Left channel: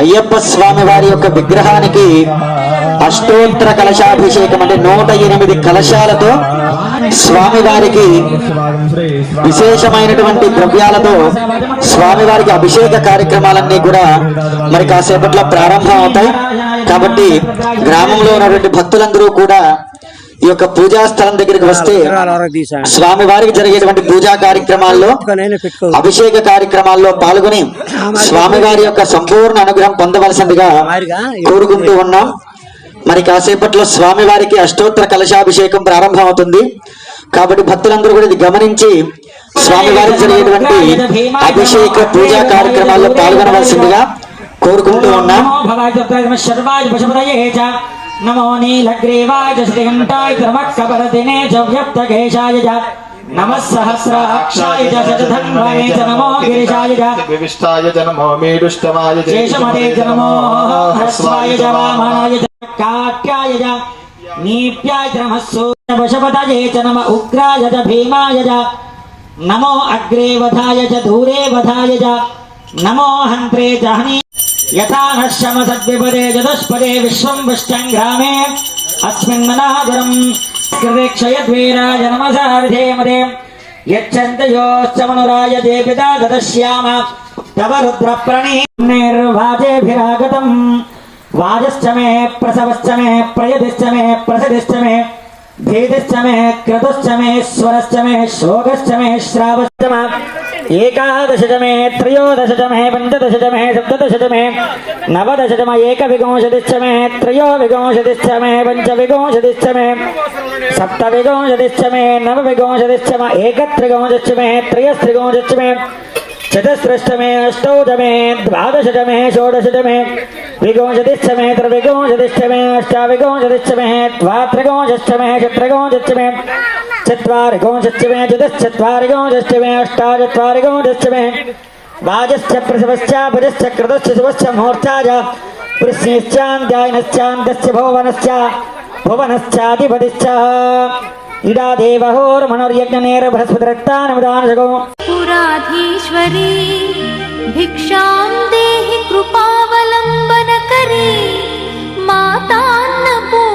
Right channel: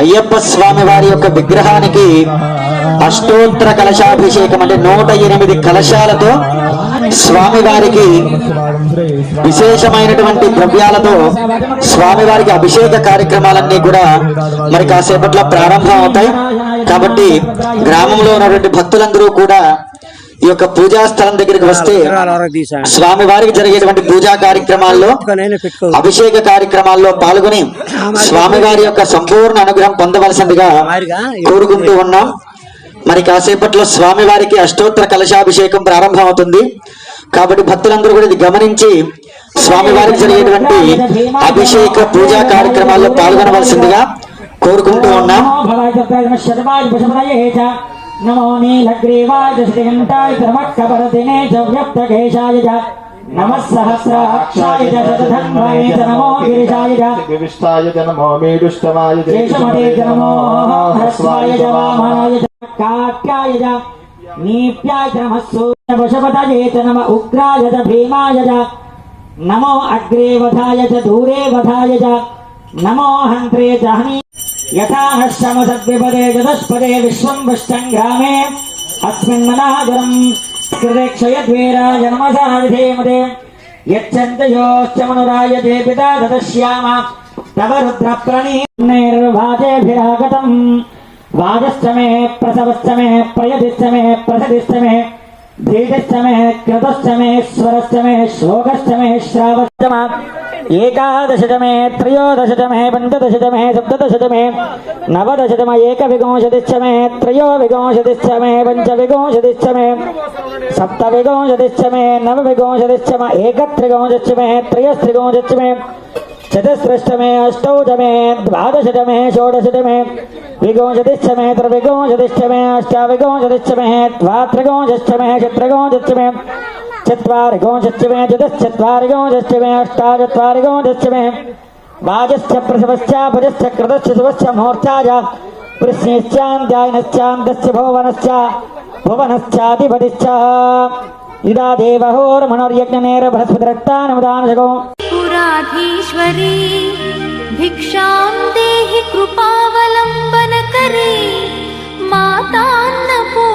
అయ్యప్ప స్వామి వారి యొక్క విగ్రహానికి అష్టోత్తర కలశాభిషేకం అంటే 108 కలశాలతో స్వామివారికి విశేషమైనటువంటి ద్రవ్యాలతో స్వామివారికి అభిషేక కార్యక్రమాలన్నీ కూడా మరి కాసేపట్లో ప్రారంభం అవుతాయి. కాబట్టి గ్రామంలో ఉన్నటువంటి భక్తులందరూ కూడా ఈ యొక్క పూజా స్థలం దగ్గరికి వస్తే స్వామి వారికి జరిగేటువంటి పూజా కార్యక్రమాల్లో అభిషేక కార్యక్రమాల్లో పాల్గొని స్వామివారి యొక్క సంపూర్ణ అనుగ్రహం పొందవలసిందిగా కోరుకుంటూ ఉన్నాం. మరి కాసేపట్లో స్వామివారికి అష్టోత్తర కలశాభిషేకం ప్రారంభం అవుతుంది. కాబట్టి భక్తులందరూ కూడా ఇది గమనించి స్వామివారికి జరిగేటువంటి అభిషేక పూజా కార్యక్రమాల్లో పాల్గొనవలసిందిగా కోరుకుంటూ ఉన్నాం. नमो नीलग्रीवाय श्रीघंटाय त्रमक्कपरदिने च व्यक्तकेशाय च नमः सहस्राक्षाय च शतधन्वने च नमो गिरिशाय च विविष्टाय च नमो मेरुष्टवाय च शेषमते च नमो ह्रस्वाय च वामनाय च काक्याय च नीप्याय च नमः सूर्यवशपतये च नमः उग्राय च भीमाय च नमो अग्रे वधाय च दूरे वधाय च नमो हन्त्रे च हनि यथा नश्यमसद्विपदे चतुष्पदे विश्वं विष्टङ्ग्रामे अस्मिन्ननागरं कृते क्षयद्वीराय नमसाविधेमदे यच्छन्तयोश्च मनुराय ते पिता ददश्याम तव रुद्रप्रणीर्वाजेभिरागतं वाजश्च मे प्रसवश्च मे प्रयतिश्च मे प्रसदिश्च मे भेदश्च मे क्रतुश्च मे स्वरश्च मे शोकश्च मे श्रावश्च मे एकादश मे त्रयोदश मे पंचदश मे सप्तदश मे नवदश मे एकविंशतिश्च मे त्रयोविंशतिश्च मे पंचविंशतिश्च मे सप्तविंशतिश्च मे नवविंशतिश्च मे एकत्रिंशतिश्च मे त्रयस्त्रिंशतिश्च मे चतुस्रश्च मे अष्टौश मे द्वादश मे षोडश मे विंशतिश्च मे त्रिविंशतिश्च मे अष्टाविंशतिश्च मे द्वात्रिंशतिश्च मे चतुर्विंशतिश्च मे चत्वारिंशतिश्च मे चतुश्चत्वारिंशतिश्च मे अष्टाचत्वारिंशतिश्च मे वाजश्च प्रसवश्च भजश्च कृतश्च शुभश्च मुहूर्ताय वृष्णिश्चान्द्यायनश्चान्दश्च भुवनश्च भुवनश्चाधिपतिश्च इदा देवहोर्मणर्यज्ञनेर बृहस्पतिरक्तानवदानशको पुराधीश्वरी भिक्षां देहि कृपावलम्बनकरी मातान्नपूर्णा